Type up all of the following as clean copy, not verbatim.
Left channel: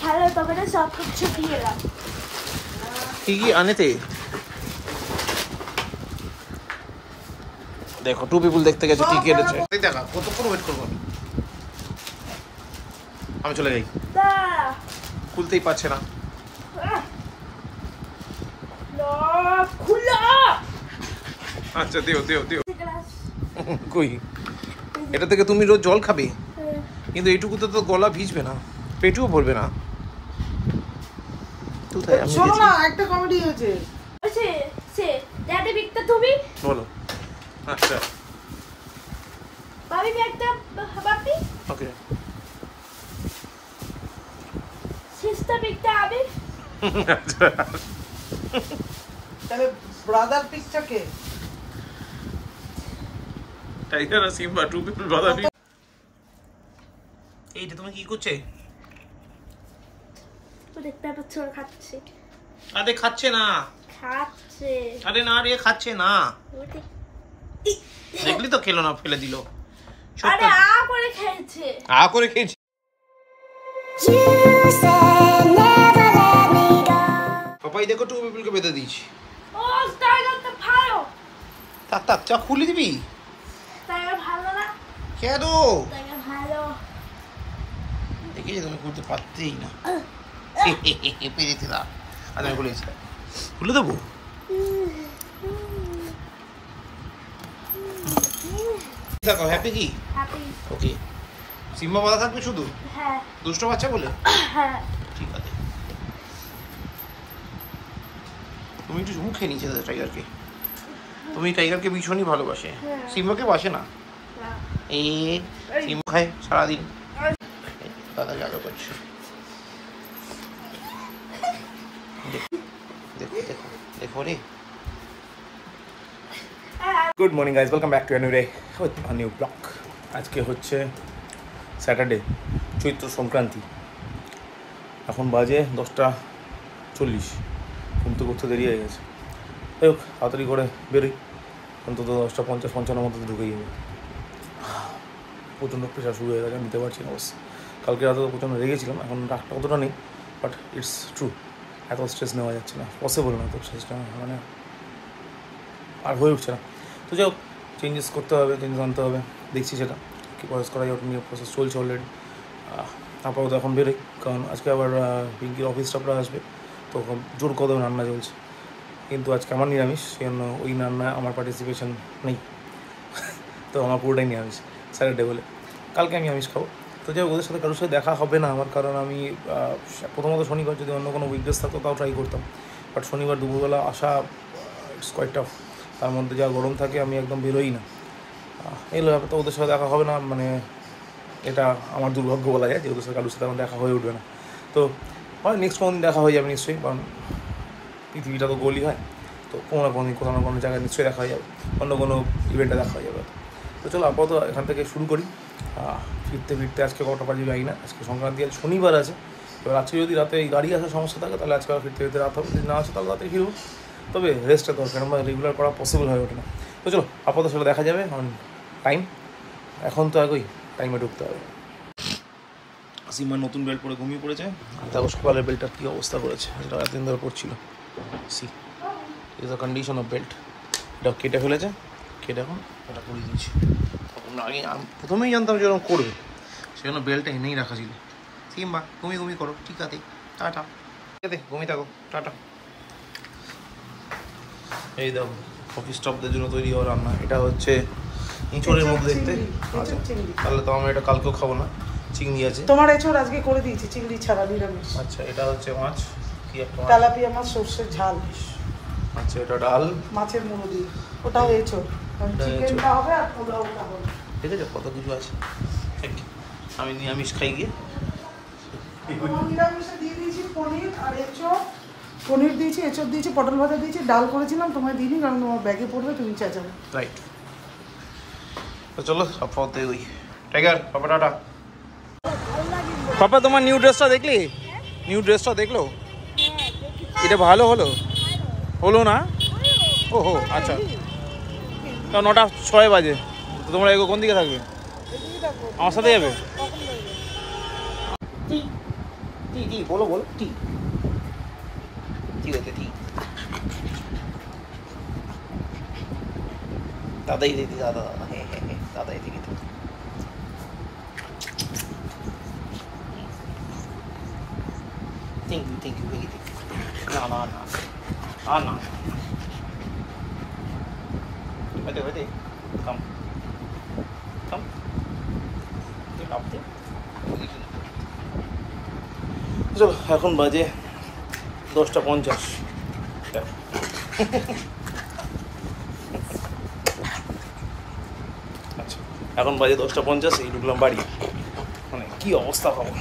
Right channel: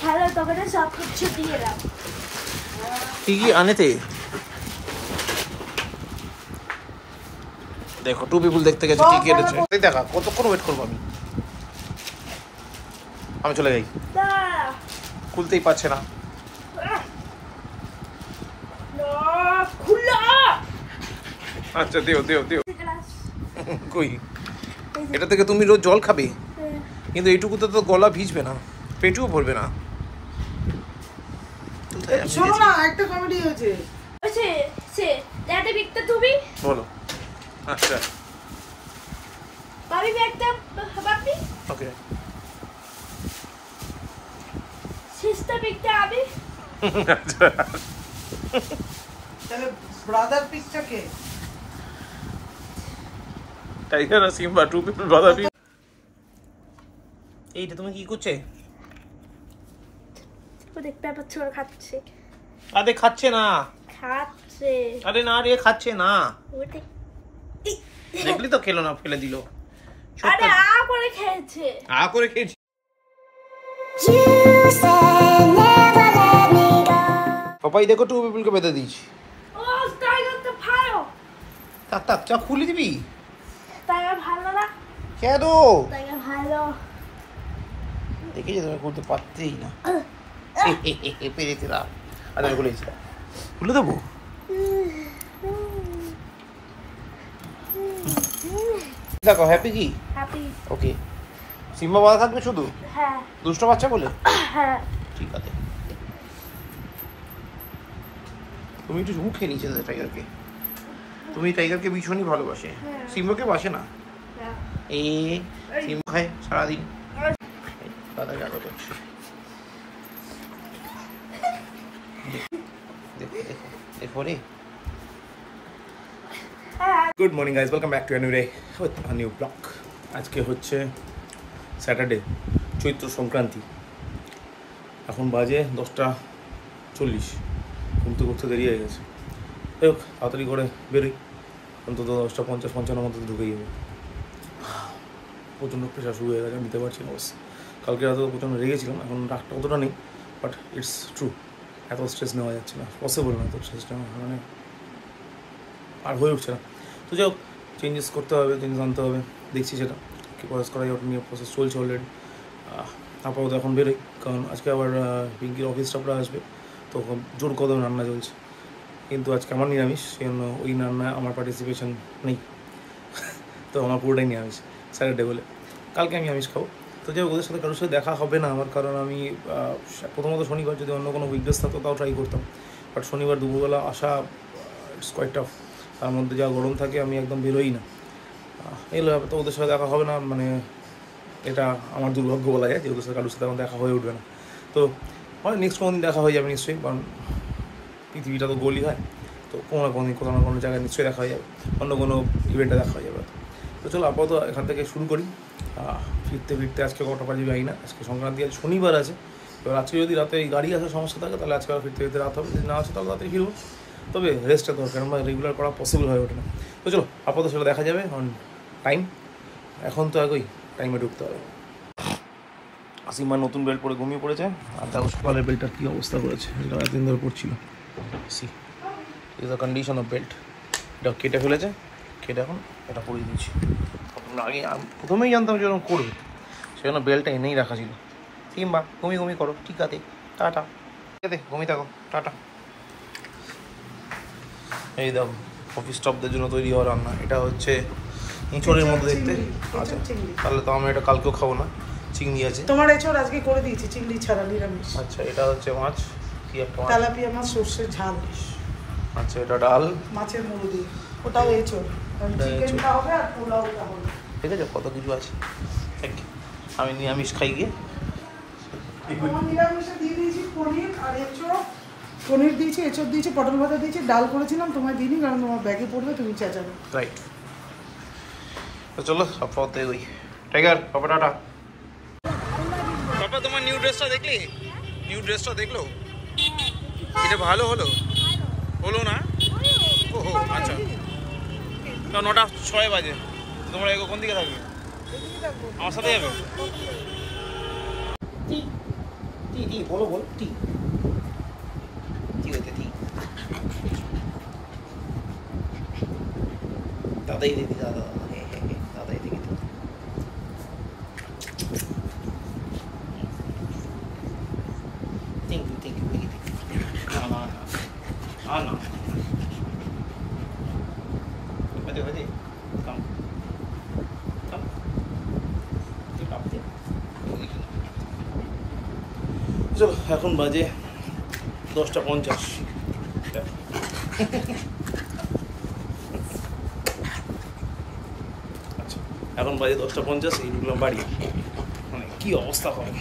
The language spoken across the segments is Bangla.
খেলার দোকানে সব কিছু দিয়ে রাখ। কি কি আনেতে দেখো, টু পিপল দেখতে গেছে কি কি এনেছে। দেখা কতক্ষণ ওয়েট করবো আমি চলে যাই। খুলতেই পারছে না। আচ্ছা দিও দিও দিও। কই এটা থেকে তুমি রোজ জল খাবে, কিন্তু এইটুকুতে তো গলা ভিজবে না, পেটও ভরবে না। একটা কমেডি হয়েছে তুমি বলো। আচ্ছা বাবি একটা বাপি ওকে সিস্টার একটা আবি। আচ্ছা তাহলে ব্রাদার পিসটা কে? টাইগার আর Simba, two people brother piece. এইটা তুমি কি করছে? ও দেখতে পাচ্ছ ওর খাচ্ছে। আরে খাচ্ছে না, খাচ্ছে। আরে না রে খাচ্ছে না। ওটা দেখলি তো খেলো না, ফেলে দিল। আরে আ করে খেয়েছে, আ করে খেয়েছে। পাপাই দেখো টু পিপলকে বেঁধে দিয়েছি। ও টাইগার তো ভালো। থাক থাক, চা খুলে দিবি। টাইগার ভালো না? কেন? টাইগার ভালো। দেখেছি তুমি খুলতে পারতেই না। পেরেছিলাম, আর আমি খুলেছিলাম। খুলে দেবো? দেখো হ্যাপি কি? হ্যাপি। ওকে। সিম্বা বাধা থাকবে শুধু? হ্যাঁ। দুষ্ট বাচ্চা বলে? হ্যাঁ। ঠিক আছে। তুমি একটু মুখে নিচে টাইগারকে। তুমি টাইগারকে ভীষণই ভালোবাসে, সিম্বাকে বাসে না। এই সিম্বা খায় সারাদিন। দাদা জাদা করছে। দেখো দেখো দেখো রে। Good morning guys, welcome back to a new day with a new blog. আজকে হচ্ছে স্যাটারডে, চৈত্র সংক্রান্তি। এখন বাজে 10:40। ঘুমতে করতে দেরি হয়ে গেছে। যাই হোক, তাড়াতাড়ি করে বেরোই, অন্তত 10:50-55 মতো ঢুকেই যাবে। প্রচণ্ড প্রেশার শুরু হয়ে গেছে, আমি নিতে পারছি না অবশ্যই। কালকে রাতে তো প্রচণ্ড রেগেছিলাম, এখন রাগটা অতটা নেই, বাট ইটস ট্রু, এত স্ট্রেস নেওয়া যাচ্ছে না, পসিবল না, তো স্ট্রেসটা মানে আর হয়ে উঠছে না। তো যাই হোক, চেঞ্জেস করতে হবে, চেঞ্জেস আনতে হবে, দেখছি সেটা কী প্রসেস করা যায়, ওটা নিয়ে প্রসেস চলছে অলরেডি। আপাতত এখন বেরোই, কারণ আজকে আবার পিঙ্কির অফিস স্টাফরা আসবে, তো জোর কদমে রান্না চলছে। কিন্তু আজকে আমার নিরামিষ, সেই জন্য ওই রান্নায় আমার পার্টিসিপেশন নেই। তো আমার পুরোটাই নিরামিষ স্যাটারডে বলে। কালকে আমি আমিষ খাবো। তো যাই হোক, ওদের সাথে কারোর সাথে দেখা হবে না আমার, কারণ আমি প্রথমত শনিবার যদি অন্য কোনো উইকডেজ থাকতো তাও ট্রাই করতাম, বাট শনিবার দুপুরবেলা আসা ইটস কোয়াইট টাফ। তার মধ্যে যা গরম থাকে, আমি একদম বেরোই না। এগুলো ব্যাপার, তো ওদের সাথে দেখা হবে না, মানে এটা আমার দুর্ভাগ্য বলা যায় যে ওদের সাথে কারোর সাথে আমার দেখা হয়ে উঠবে না। তো হয় নেক্সট কোনো দিন দেখা হয়ে যাবে নিশ্চয়ই, কারণ পৃথিবীটা তো গোলই হয়, তো কোনো না কোনো দিন কোথাও না কোনো জায়গায় নিশ্চয়ই দেখা হয়ে যাবে, অন্য কোনো ইভেন্টে দেখা হয়ে যাবে। তো চলো আপাতত এখান থেকে শুরু করি। ফিরতে ফিরতে আজকে কটা বাজে যাই না, আজকে সংক্রান্তি, আজ শনিবার আছে। এবার আজকে যদি রাতে এই গাড়ি আসার সমস্যা থাকে, তাহলে আজকে ফিরতে ফিরতে রাত হবে, যদি না আসে তাহলে রাতে ফিরবো। তবে রেস্টটা দরকার, আমরা রেগুলার করা পসিবল হয়ে ওঠে না। তো চলো আপাতত সেটা দেখা যাবে, কারণ টাইম এখন তো আগেই টাইমে ঢুকতে হবে। সিমা নতুন বেল্ট পরে ঘুমিয়ে পড়েছে, আর দেখো সকালের বেল্টটার কী অবস্থা করেছে, যেটা এতদিন ধরে পড়ছিল। সি is the condition of belt. এটা কেটে ফেলেছে, কেটে এখন এটা পরিয়ে দিচ্ছি। আগে প্রথমেই জানতাম যে এরকম করবে, সেজন্য বেল্টটা এনেই রাখা ছিল। সিম্বা ঘুমি করো, ঠিক আছে, টাটা। ঠিক আছে, ঘুমিয়ে থাকো, টাটা। এই দেখো অফিস স্টাফদের জন্য তৈরি হওয়া রান্না। এটা হচ্ছে এঁচড়ের মধ্যে দেখতে। আচ্ছা, তাহলে তো আমি এটা কালকেও খাবো না। চিংড়ি আছে, তোমার এঁচড় আজকে করে দিয়েছি চিংড়ি ছাড়া, নিরামিষ। আচ্ছা, এটা হচ্ছে মাছ, কি একটা মাছ, তেলাপিয়া মাছ, সর্ষের ঝাল। আচ্ছা, এটা ডাল, মাছের মুড়ো দিয়ে, ওটাও এঁচড়। চিকেনটা হবে আর পোলাওটা হবে। ঠিক আছে, কত কিছু আছে। আমি নিরামিষ খাই গিয়ে। নিরামিষে দিয়ে দিয়েছি পনির আর এঁচড়। পনির দিয়েছি, এঁচড় দিয়েছি, পটল ভাজা দিয়েছি, ডাল করেছিলাম, তোমায় দিইনি কারণ তোমার ব্যাগে পড়বে, তুমি চেঁচাবে। রাইট, তো চলো আপাতত ওই টাইগার, পাপা টাটা। পাপা তোমার নিউ ড্রেসটা দেখলি? নিউ ড্রেসটা দেখলো? এটা ভালো হলো? হলো না? ওহো আচ্ছা, তা 9:06 বাজে, তোমরা এগো কোন দিকে থাকবে? আমার সাথে যাবে? टी बोलो बोलो टी टी देते टी दादा ही देती दादा दादा ही देती थैंक यू वेरी ना ना ना ना बेटे कम कम চলো এখন বাজে 10:50 আচ্ছা এখন বাজে 10:50 এই ঢুকলাম বাড়ি মানে কি অবস্থা হবে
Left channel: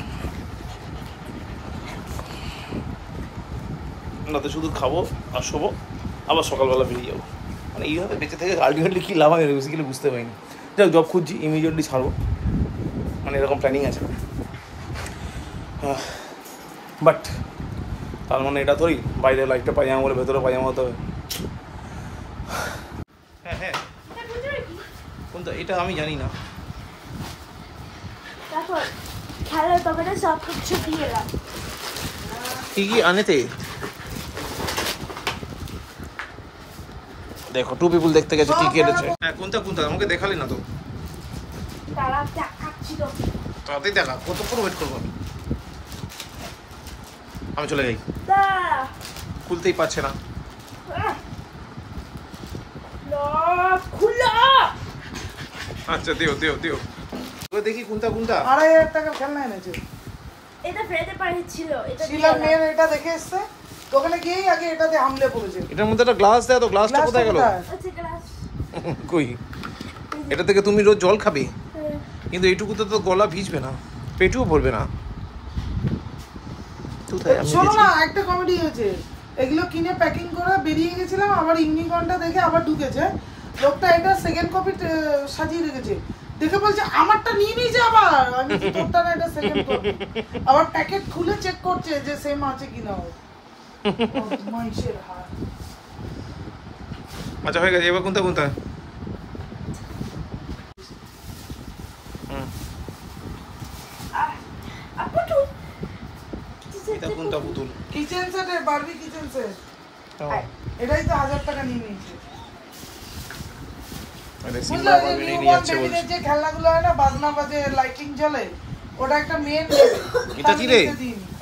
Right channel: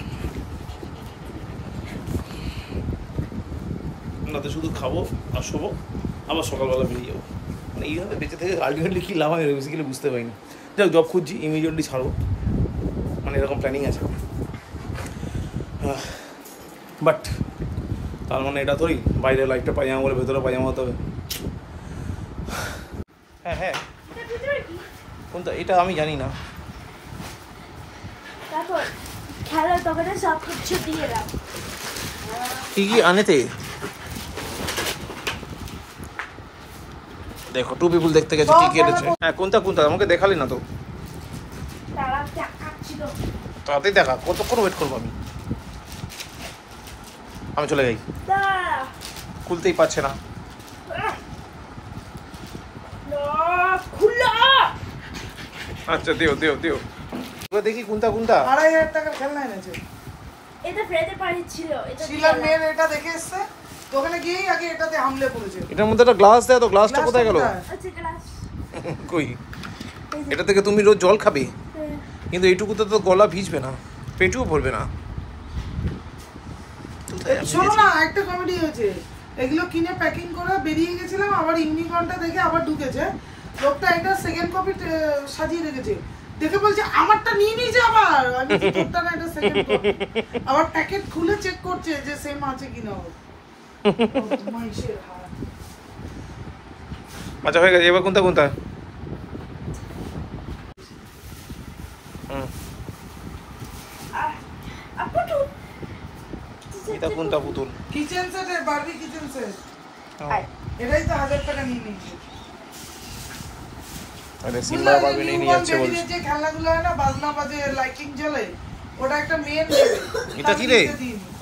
রাতে শুধু খাবো আর শোবো আবার সকালবেলা বেরিয়ে যাবো মানে এইভাবে বেঁচে থেকে আলটিমেটলি কী লাভ আমি বেসিক্যালি বুঝতে পারিনি যাক জব খুঁজছি ইমিডিয়েটলি ছাড়বো মানে এরকম প্ল্যানিং আছে বাট তার মানে এটা তোরই বাইরে লাইটটা পাজামা বলে ভেতরে পাজামা হতে হবে হ্যাঁ হ্যাঁ কোনটা এটা আমি জানি না তারপর খেলার দোকানে সব কিছু দিয়ে এলাম কি কি আনেতে দেখো টু পিপল দেখতে গেছে কি কি এনেছে হ্যাঁ কোনটা কোনটা আমাকে দেখালি না তো তারা দেখাচ্ছিল তাড়াতাড়ি দেখা কতক্ষণ ওয়েট করবো আমি চলে যাই খুলতেই পারছে না আচ্ছা দিও দিও দিও দেখি কোনটা কোনটা 2500 টাকা খেলনা এনেছে এটা ফ্রেডের বাড়ি ছিল এটা শিলা মেয়ের এটা দেখে এসছে দোকানে গিয়েই আগে এটাতে হামলে পড়েছে এটার মধ্যে একটা গ্লাস দেয় তো গ্লাসটা কোথায় গেল আচ্ছা ক্লাস কই এটা থেকে তুমি রোজ জল খাবে কিন্তু এইটুকুতে তো গলা ভিজবে না পেটও ভরবে না শোনো না একটা কমেডি হয়েছে এগুলো কিনে প্যাকিং করে বেরিয়ে গেছিলাম আবার ইউনিকর্নটা দেখে আবার ঢুকেছে লোকটা এটা সেকেন্ড কপি সাজিয়ে রেখেছে দেখে বলছে আমারটা নিয়ে নিয়েছে আবার আমি তোরটা না এটা সেকেন্ড কপি আবার প্যাকেট খুলে চেক করছে যে সেম আছে কিনা মাইশের হাত আচ্ছা হয়ে গেছে এবার কোনটা কোনটা এটা কোনটা পুতুল কিচেন সেট এর বারবি কিচেন সেট এটাই তো 1000 টাকা নিয়ে নিয়েছে আরে সিম্বা বারবি নিয়ে যাচ্ছে বলছে যে খেলনাগুলো হয় না বাজনা বাজে লাইটিং জ্বলে ওটা একটা মেন এটা কি রে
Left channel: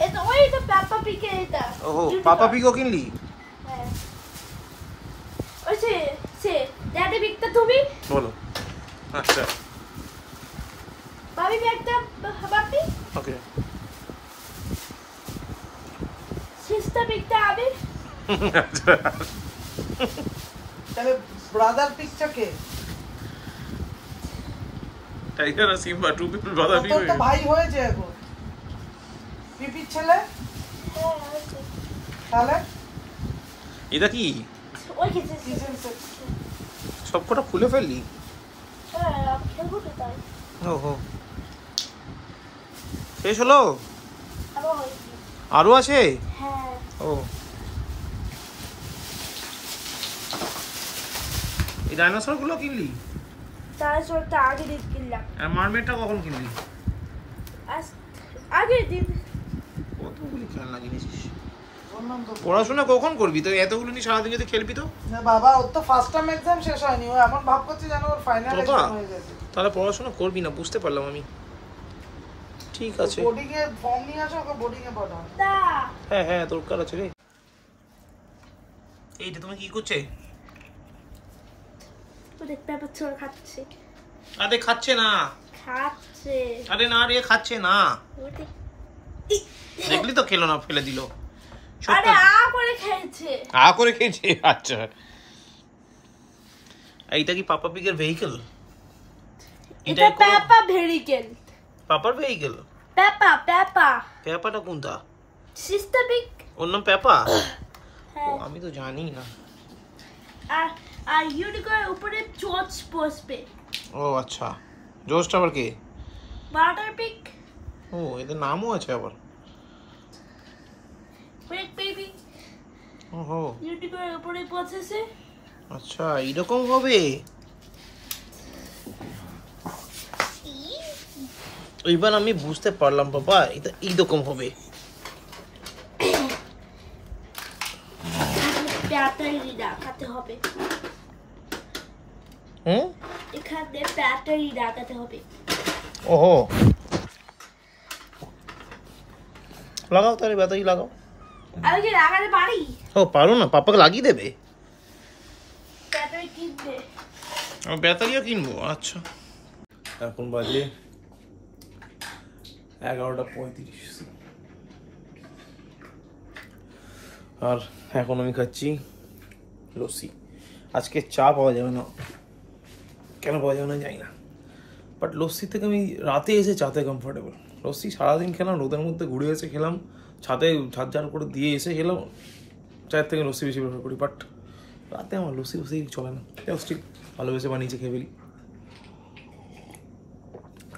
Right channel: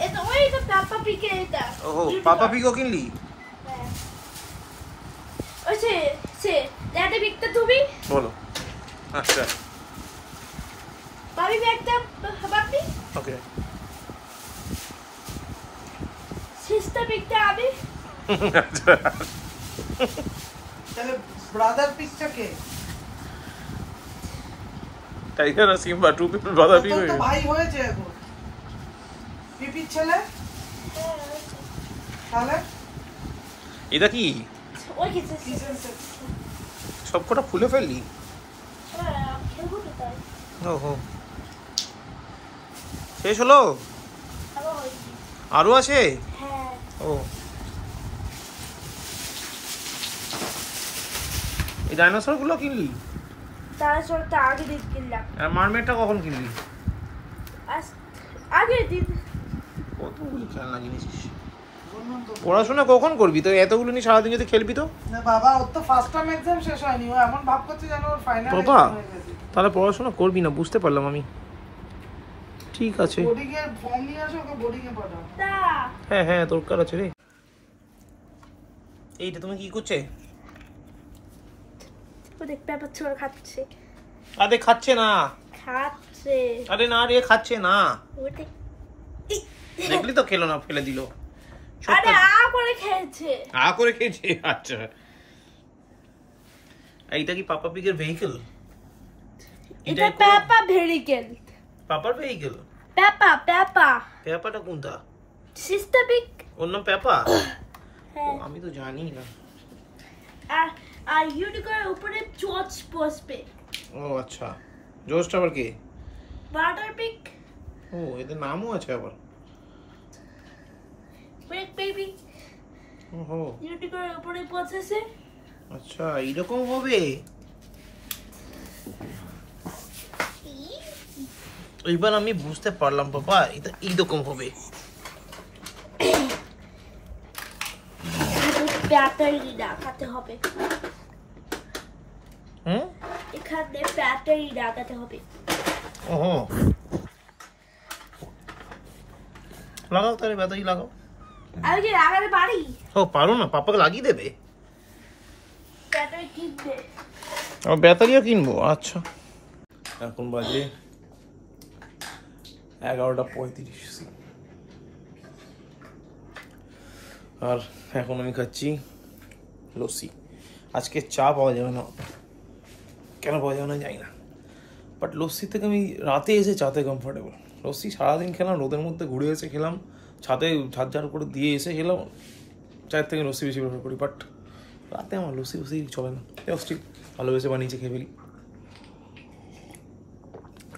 এটা ওই তো পাপা পিকে এটা ও পাপা পিকো কিনলি হ্যাঁ ওই সে ড্যাডি বিকটা তুমি বলো আচ্ছা বাবি বিকটা বাপি ওকে সিস্টার বিকটা আমি তাহলে ব্রাদার পিকটা কে টাইগার আর Simba two people brother pic তো ভাই হয়েছে এখন পিপির ছেলে তাহলে এটা কি ওই কিচেন সেট সবকটা ফুলে ফেললি হ্যাঁ খেলবো তো তাই ওহো শেষ হলো আরো আছে হ্যাঁ ও এই ডাইনোসর গুলো কিনলি ডাইনোসরটা আগে দিন কিনলাম আর মারমেডটা কখন কিনলি আগে দিন কতগুলি খেলনা কিনেছিস পড়াশোনা কখন করবি তো এতগুলো নিয়ে সারাদিন যদি খেলবি তো না বাবা ওর তো ফার্স্ট টার্ম এক্সাম শেষ হয়নি ও এমন ভাব করছে যেন ওর ফাইনাল এক্সাম হয়ে গেছে তাহলে পড়াশোনা করবি না বুঝতে পারলাম আমি ঠিক আছে বোর্ডিং এ ফর্ম নিয়ে আসো ওকে বোর্ডিং এ পাঠাও হ্যাঁ হ্যাঁ দরকার আছে রে এইটা তুমি কি করছে ও দেখ পেপার ছোড় খাচ্ছে আরে খাচ্ছে না খাচ্ছে আরে না রে খাচ্ছে না ওটি দেখলি তো খেলো না ফেলে দিল আরে আ করে খেয়েছে আ করে খেয়েছে আচ্ছা এইটা কি পাপা পিগের ভেহিকল এটা পেপা ভেহিকল পাপার ভেহিকল পেপা পেপাটা কোনটা সিস্টার বিক ওর নাম পেপা হ্যাঁ আমি তো জানি না আর ইউনিকর্নের উপরে জর্জ বসবে ও আচ্ছা জোসটা আবার কে বাটার পিক ও এদের নামও আছে আবার ওয়েট বেবি ওহো ইউনিকর্নের উপরে বসেছে আচ্ছা এরকম হবে এইবার আমি বুঝতে পারলাম বাবা এটা এইরকম হবে ব্যাটারি লাগাতে হবে। এখানে ব্যাটারি লাগাতে হবে। ওহো, লাগাও তাহলে, ব্যাটারি লাগাও। আমি কি লাগাতে পারি? ও পারো না, পাপাকে লাগিয়ে দেবে। ব্যাটারি কিনবে। আমার ব্যাটারিও কিনবো। আচ্ছা, এখন বাজে 11:35 আর এখন আমি খাচ্ছি লস্যি। আজকে চা পাওয়া যাবে না, কেন পাওয়া যাবে না জানি না, বাট লস্যি থেকে আমি রাতে এসে চাতে কমফোর্টেবল। লস্যি সারাদিন খেলাম, রোদের মধ্যে ঘুরে এসে খেলাম, ছাদে ঝাড় ঝাড় করে দিয়ে এসে খেলাম, চায়ের থেকে লস্যি বেশি প্রেফার করি। বাট রাতে আমার লস্যি চলে না, স্টিল ভালোবেসে বানিয়েছে, খেয়ে ফেলি।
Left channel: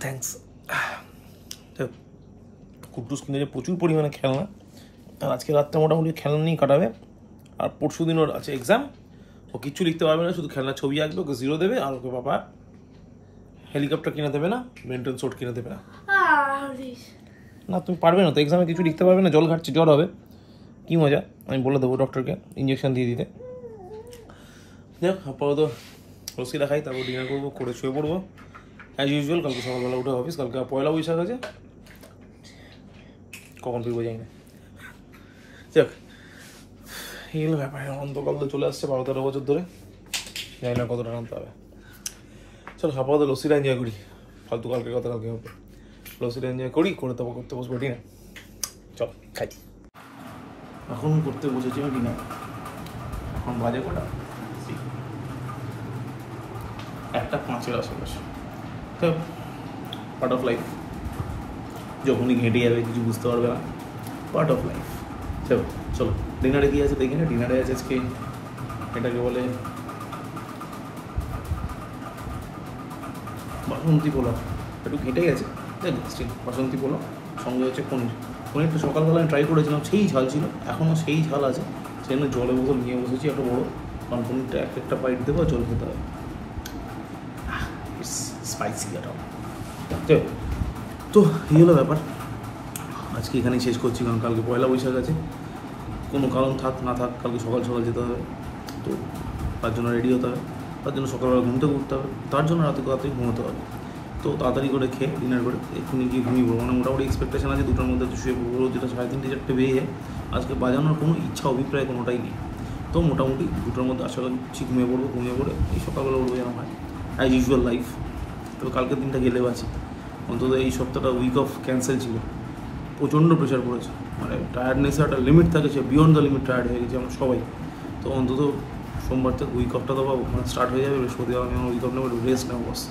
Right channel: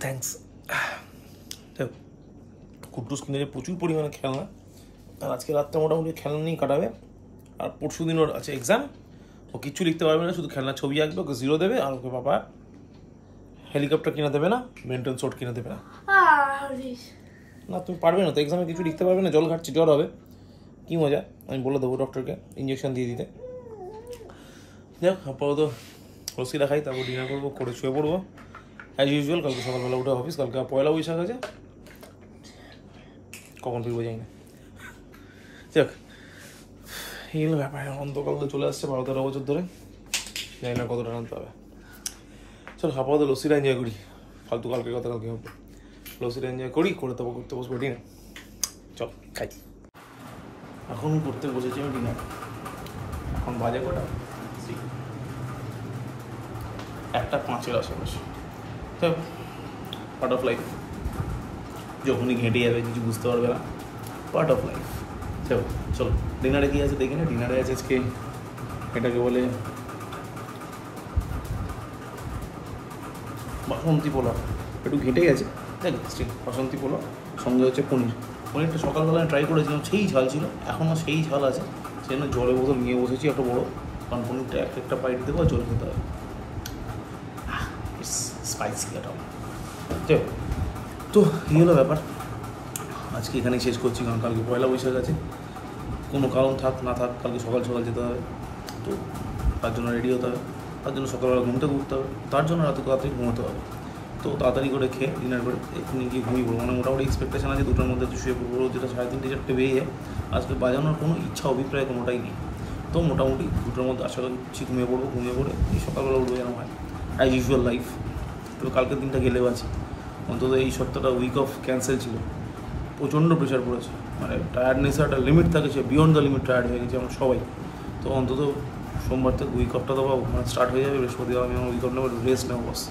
থ্যাংকস। কুট্টুস কিনে প্রচুর পরিমাণে খেলনা, আর আজকে রাতটা মোটামুটি খেলনা নিয়ে কাটাবে। আর পরশু দিন ওর আছে এক্সাম, ও কিচ্ছু লিখতে পারবে না, শুধু খেলনার ছবি আঁকবে, ওকে 0 দেবে। আর ওকে বাবা হেলিকপ্টার কিনে দেবে না, মেন্টাল সোট কিনে দেবে না। না তুমি পারবে না তো, এক্সামে কিছু লিখতে পারবে না, জল ঘাটছে, জ্বর হবে, কী মজা। আমি বলে দেবো ডক্টরকে ইঞ্জেকশন দিয়ে দিতে। যাক, আপাতত লস্যি খাই, তারপর ডিনার করবো, করে শুয়ে পড়বো অ্যাজ ইউজুয়াল। কালকে সকালবেলা উঠে অফিস, কালকে পয়লা বৈশাখ আছে, কখন ফিরবো জানি না। যাক, এই হলো ব্যাপার। অন্তকাল তো চলে আসছে 12-13 বছর ধরে, জানি না কতটা টানতে হবে। চলো আপাতত লস্যিটা এনজয় করি, ফালতু কালকে কথা কালকে হবে। লস্যিটা এনজয় করি, করে তারপর করতে বসবো ডিনার। চল খাই। এখন করতে বসেছি আমি ডিনার। এখন বাজে কটা? 1:05 আশেপাশে। তো পার্ট অফ লাইফ, যখনই ঘেঁটে যাবে কিছু বুঝতে পারবে না, পার্ট অফ লাইফ। চলো চলো ডিনারে কী আছে দেখি না। ডিনারে আছে আজকে এটাকে বলে বাসন্তী পোলাও, একটু ঘেটে গেছে তাই স্টিল বাসন্তী পোলাও, সঙ্গে হচ্ছে পনির। পনিরটা সকালবেলা আমি ট্রাই করেছিলাম, সেই ঝাল ছিল, এখনও সেই ঝাল আছে, সেই জন্য জলের বোতল নিয়ে বসেছি একটা বড়ো, কারণ পনিরটা একটা বাইট দেবো আর জল খেতে হবে। স্পাইসি এটাও। তো এই হলো ব্যাপার, আজকে এখানেই শেষ করছি, কারণ কালকে পয়লা বৈশাখ আছে। কোনো কারণ থাক না থাক, কালকে সকাল সকাল যেতে হবে, তো তার জন্য রেডি হতে হবে, তার জন্য সকালবেলা ঘুম থেকে উঠতে হবে, তার জন্য রাতে তাড়াতাড়ি ঘুমোতে হবে। তো তাড়াতাড়ি করে খেয়ে ডিনার করে এক্ষুনি গিয়ে ঘুমিয়ে পড়বো। মানে মোটামুটি এক্সপেকটেশন আছে 2টার মধ্যে শুয়ে পড়বো, যেটা 3:30-4টে বেরিয়ে যায়। আজকে বাজানোর কোনো ইচ্ছা অভিপ্রায় কোনোটাই নেই, তো মোটামুটি 2টার মধ্যে আশা করছি ঘুমিয়ে পড়বো। ঘুমিয়ে পড়ে এই সকালবেলা উঠবো যেন হয়, অ্যাজ ইউজুয়াল লাইফ। তবে কালকের দিনটা গেলেও আছি, অন্তত এই সপ্তাহটা উইক অফ ক্যান্সেল ছিল, প্রচণ্ড প্রেশার পড়েছে। মানে টায়ার্ডনেসের একটা লিমিট থাকে, সে বিয়ন্ড দ্য লিমিট টায়ার্ড হয়ে গেছে আমরা সবাই। তো অন্তত সোমবার থেকে উইক অফটা তো পাবো, মানে স্টার্ট হয়ে যাবে। বৃহস্পতিবার আমি আমার উইক অফ নেবো, রেস্ট নেবো বস।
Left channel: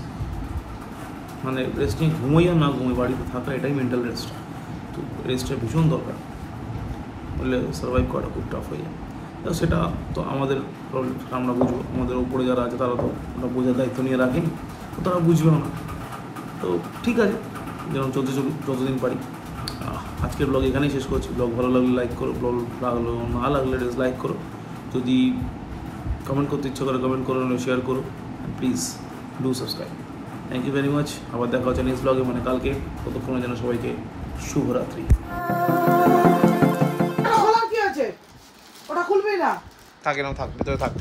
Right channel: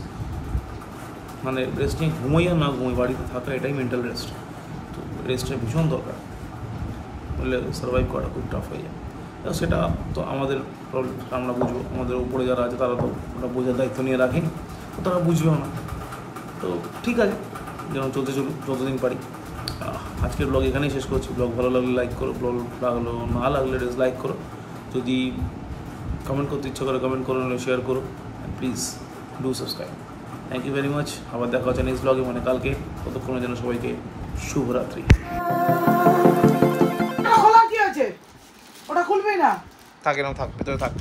মানে রেস্ট নিয়ে ঘুমোই আর না ঘুমোই, বাড়িতে থাকা এটাই মেন্টাল রেস্ট। তো রেস্টের ভীষণ দরকার, বললে সার্ভাইভ করাটা খুব টাফ হয়ে যায়। তো সেটা তো আমাদের প্রবলেম, সেটা আমরা বুঝবো। আমাদের উপরে যারা আছে তারা তো ওটা বোঝার দায়িত্ব নিয়ে রাখেনি, তো তারা বুঝবেও না। তো ঠিক আছে, যেমন চলতে চলুক যতদিন পারি। আজকের ব্লগ এখানেই শেষ করছি। ব্লগ ভালো লাগলে লাইক করো, ব্লগ লাগলো না লাগলে ডিসলাইক করো। যদি কমেন্ট করতে ইচ্ছা করে কমেন্ট করো, শেয়ার করো, and please do subscribe. Thank you very much. আবার দেখা হচ্ছে নেক্সট ব্লগে, মানে কালকে। ততক্ষণের জন্য সবাইকে শুভরাত্রি। কি আছে ওটা খুলবে না, থাকে না, থাক ভেতরে থাক।